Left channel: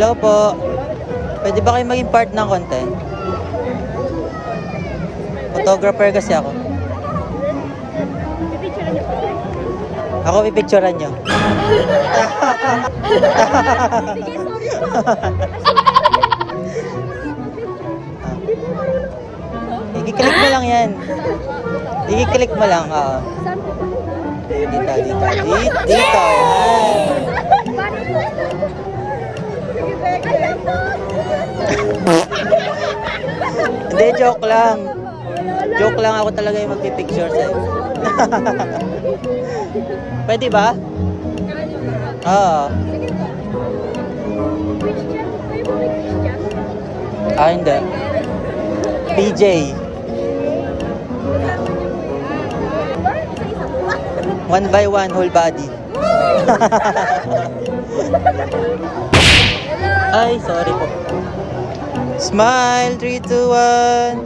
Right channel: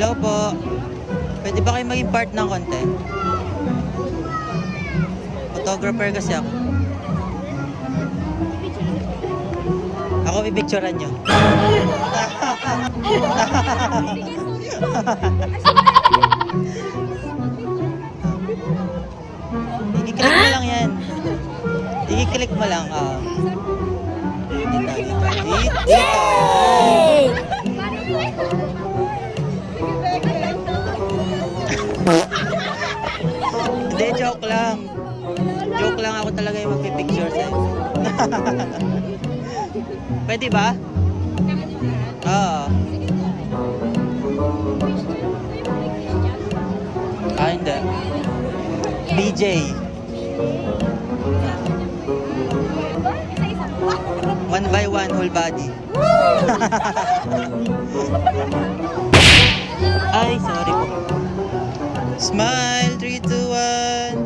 Hello po. Pwede ba kayo maging part ng content? Photographer kasi ako. Ako pipicturean nyo. I-click mo lang yan. I-click mo lang. Dito. Hindi, joke lang. Joke lang, ako talaga yung magpipicture sa'yo. Pwede ba? Oo. Hindi. BJ. One by one, whole body. Ay, sorry po. Smile, 3, 2, 1.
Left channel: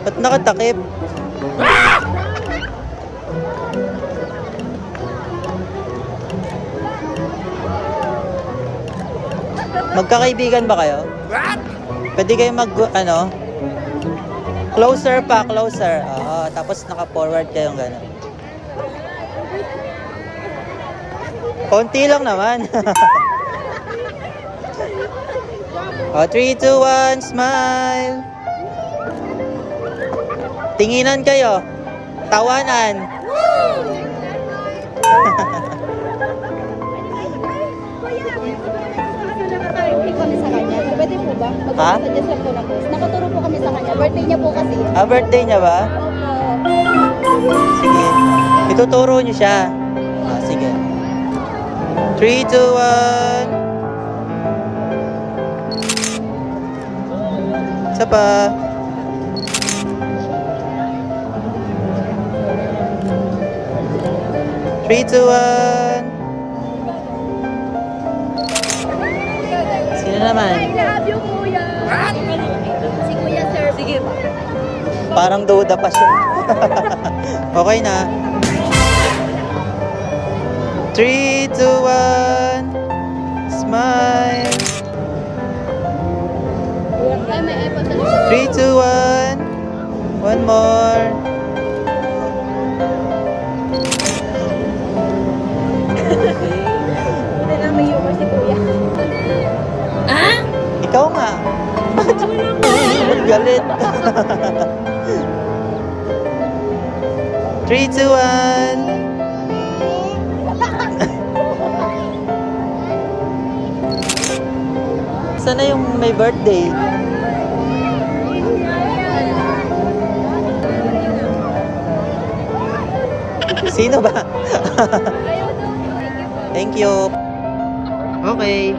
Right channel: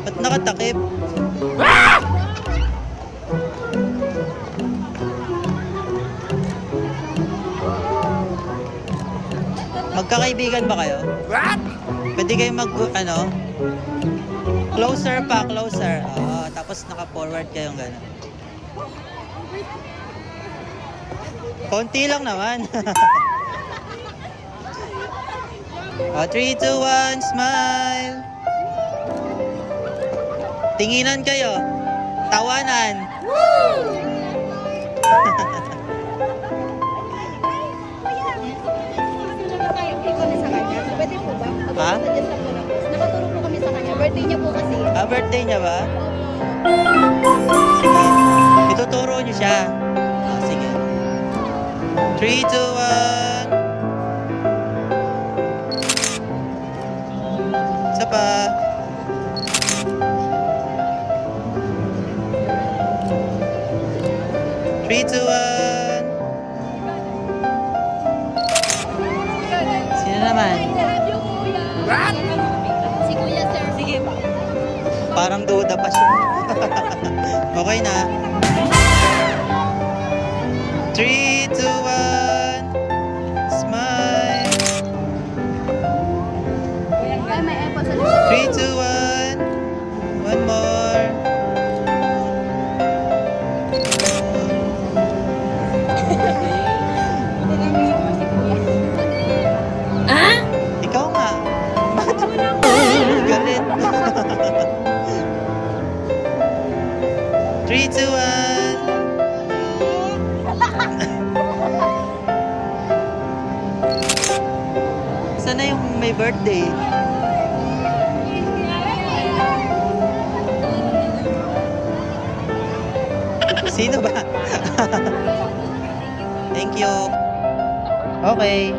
Ba't nakatakip? Magkakaibigan ba kayo? What? Pwede kayo closer pa, closer. Oo, tapos naka-forward kayong gano'n. Konti lang naman. 3, 2, 1, smile. Tinginan kayo. Tawanan. Ha? Nakaturo po kami sa kanya. Birthday niya po kasi. Birthday niya ba? Sige. Ituturo niyo siya. Sige. 3, 2, 1. Isa pa. Three, 2, 1. Sino naman? I love you, kuya. What? Si kuya, sir. Sige. Parang duda pa siya. Okay na. 3, 2, 1. Smile. Ay, may iPhone sa 3, 2, 1. One more. Ikaw nga. Galit. 3, 2, 1. Sana yung may birthday? Sino ba? Thank you. Okay.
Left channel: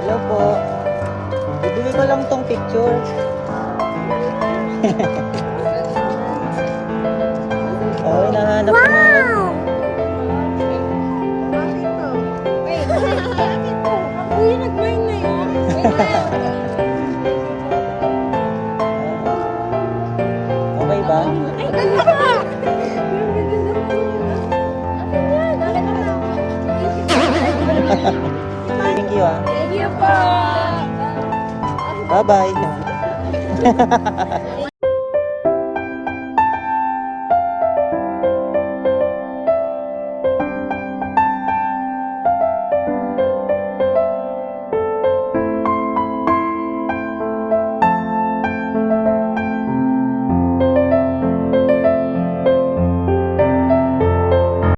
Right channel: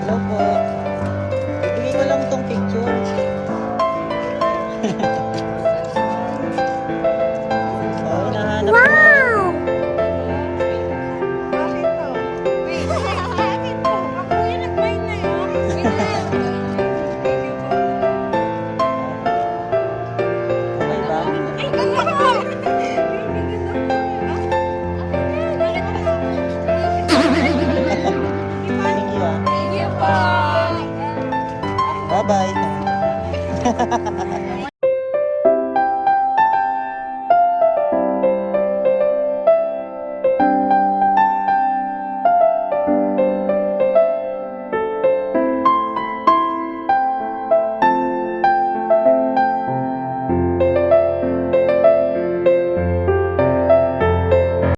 Hello po. Ibigay ko lang tong picture. Oh, hinahanap ko na. Kuya, nag-mine na yun. Okay ba? Ay, kuya! Thank you ah. Thank you po. Bye-bye.